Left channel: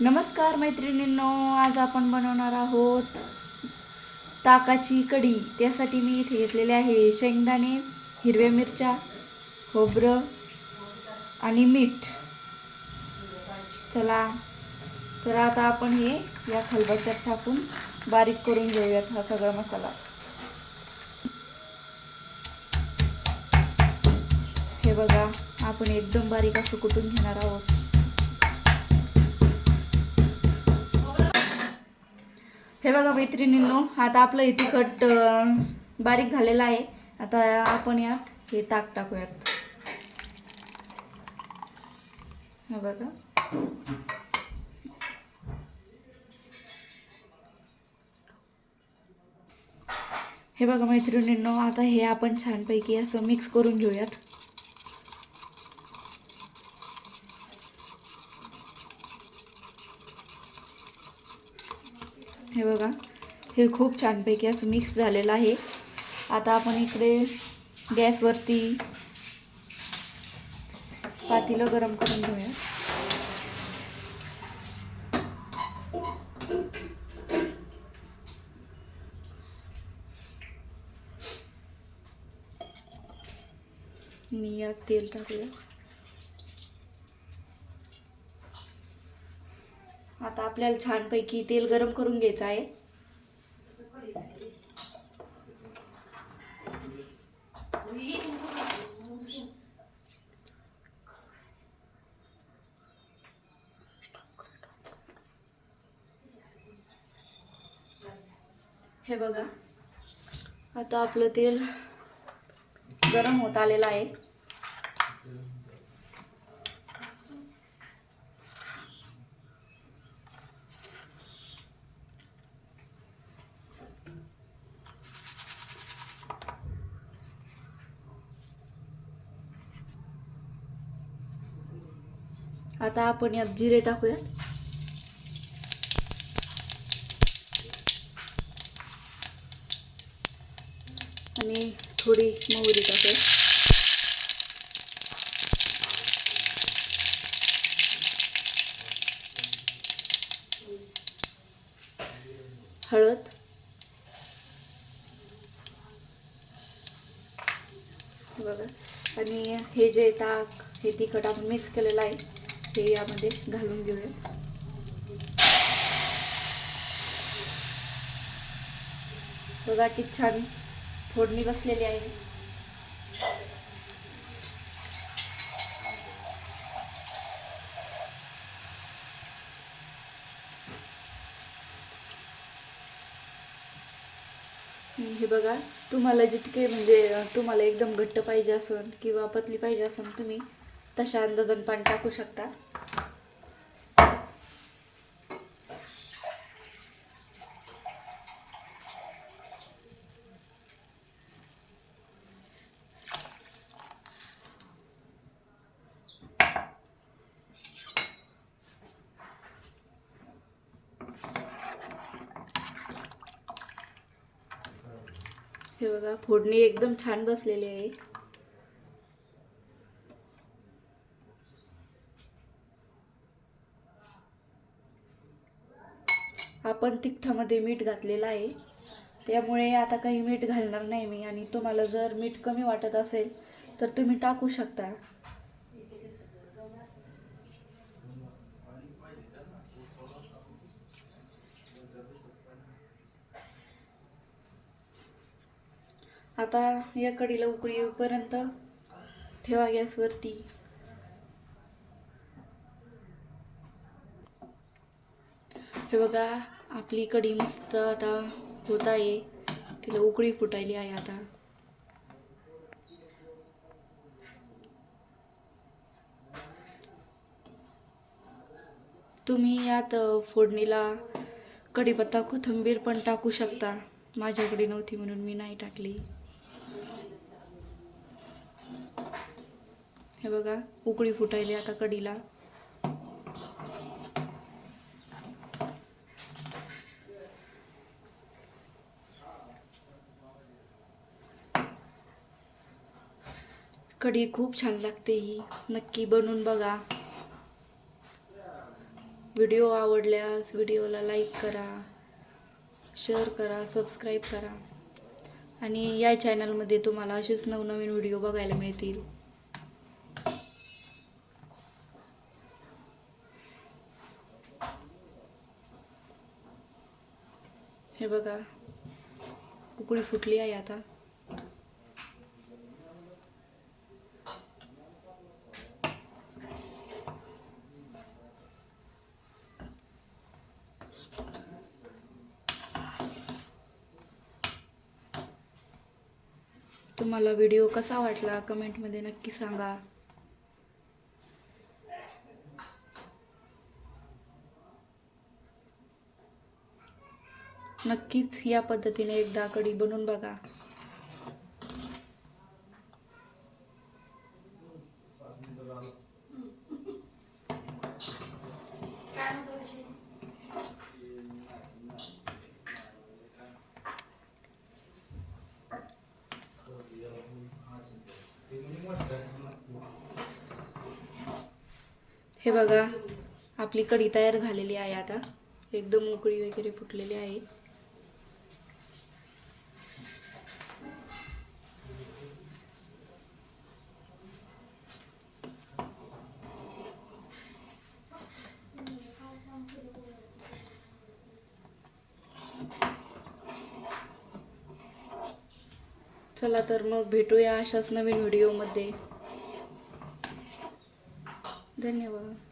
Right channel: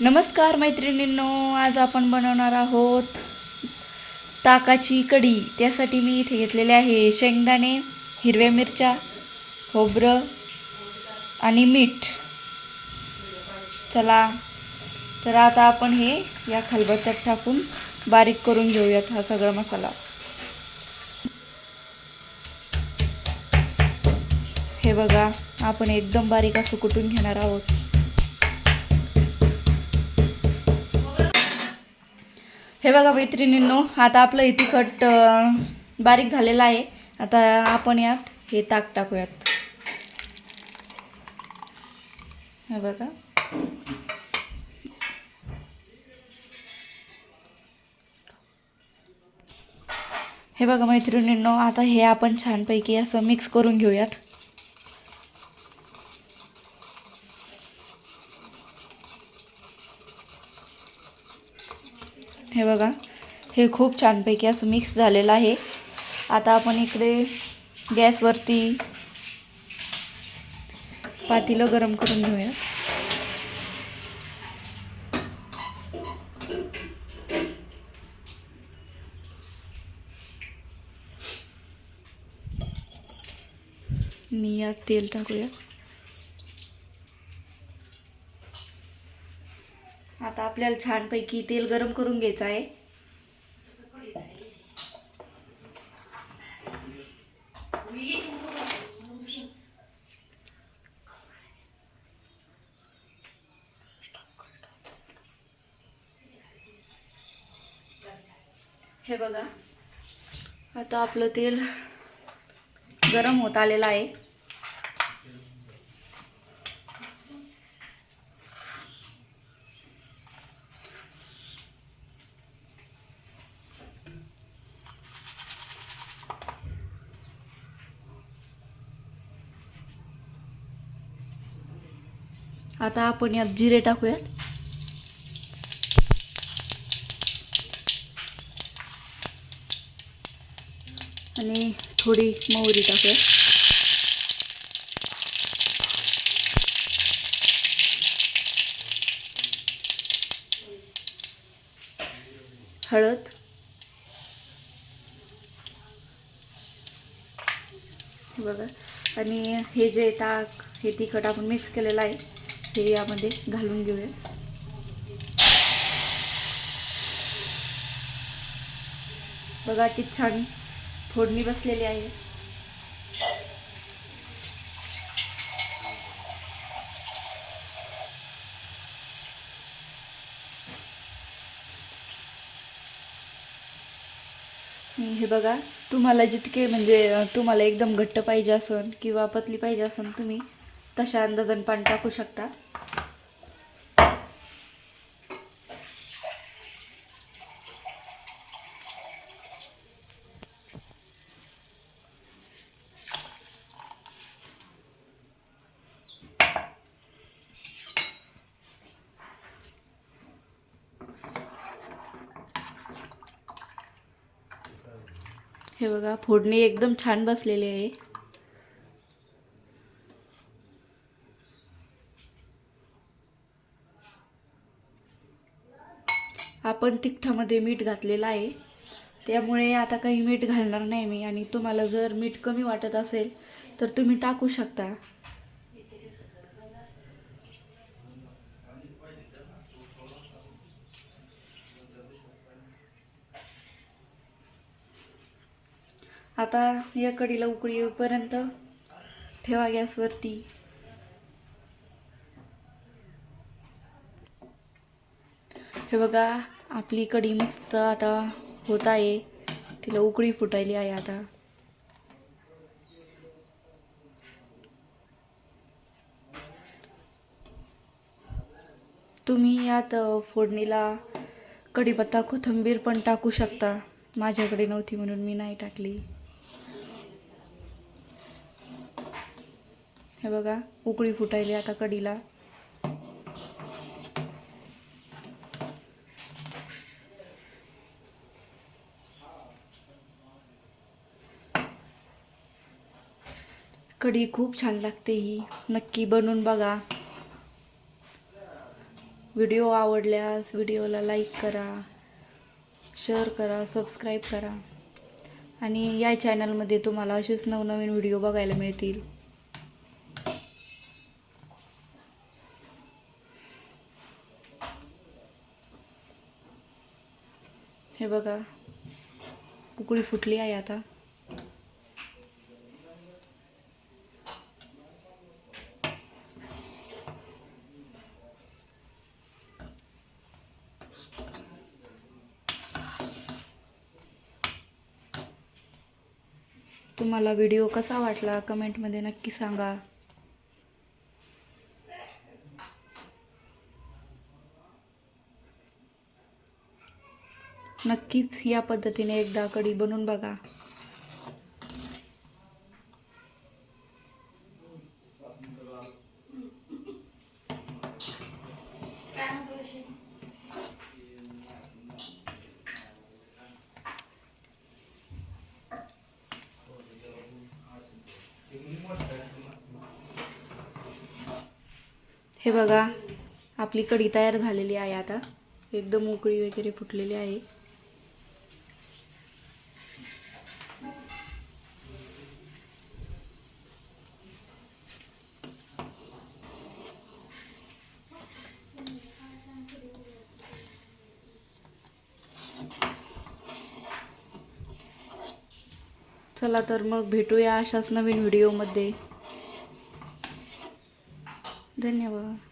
नमस्कार मैत्रिणींनो, आज आपण बनवणार आहोत ताकाची कढी। त्यासाठी मी इथे घेतलेले आहे शेंगदाणे, हिरव्या मिरच्या, खोबरं आणि मीठ। चला तर आता आपण हे या खलबत्त्यात टाकून बारीक करून घेऊयात हा सगळा मसाला। हे बघा, आपण एकदम बारीक असं कुटून घेणार आहोत। हे बघा मैत्रिणींनो, आता आपलं हे तिखट बारीक झालेलं आहे। आता आपण यात हे ताक टाकूयात। हे बघा, हे बघा मैत्रिणींनो, आता हे आपण छानपैकी असं मिक्स करून घेऊयात। हे बघा, हे खूप छानपैकी असं मिक्स झालेलं आहे। आता आपण इकडे गॅसवरती पातेलं गरम करून घेऊया। आणि यात तेल टाकूया। आता आपल्याला छानपैकी तेल गरम करून घ्यायचं आहे। हे बघा, आता आपलं तेल गरम होत आलेलं आहे। आता आपण यात जिरे टाकूयात आणि थोडी मोहरी टाकूया। हळद, बघा, आणि हे जे ताक हे तिखट आपण मिक्स केलेलं आहे हे यामध्ये घालून घेऊया। बघा किती छान फोडणी बसलेली आहे। हे बघा, तुम्हाला जितके म्हणजे तुम्हाला एकदम घट्ट पाहिजे असेल किंवा पतली पाहिजे असेल तुम्ही तशा अंदाजाने पाणी टाकू शकता। हे बघा, फोडणी एकदम छान बसलेली आहे। आपण तिखटामध्ये मीठ घातलेलं आहे, त्यामुळे आता काही मीठ घालणार नाही मी। आणि तुम्हाला जर मीठ कमी वाटत असेल तर तुम्ही टाकू शकता। आता या कढीला उकळी येईपर्यंत ठेवा गॅसवरती। हे बघा, आपली कढी मस्त आता होत आहे, तिला उकळी फुटायली आहे। आता तुम्ही यात फोडणीला कढीपत्ता, कोथिंबीर पण टाकू शकता। माझ्याकडे नव्हती म्हणून मी नाही टाकली। हे बघा, उकळी फुटायली आता कढीला। कढी खूप छान लागते, ही नक्की बनवून बघा। व्हिडिओ आवडल्यास व्हिडिओला लाईक करा, शेअर करा, सबस्क्राईब करा आणि या चॅनलमध्ये तुम्हाला असेच नवनवीन व्हिडिओ बघायला मिळतील. हे बघा, उकळी फुटली आहे आता. तुम्हाला व्हिडिओ कसा वाटला कमेंटमध्ये नक्की सांगा. नक्कीच या पद्धतीने एकदा कढी बनवून बघा. हे बघा, आपली कढी तयार झालेली आहे. आता एकदम उकळी वगैरे फुटलेली आहे. चला तर मग भेटूया अशाच नवीन व्हिडिओमध्ये. धन्यवाद.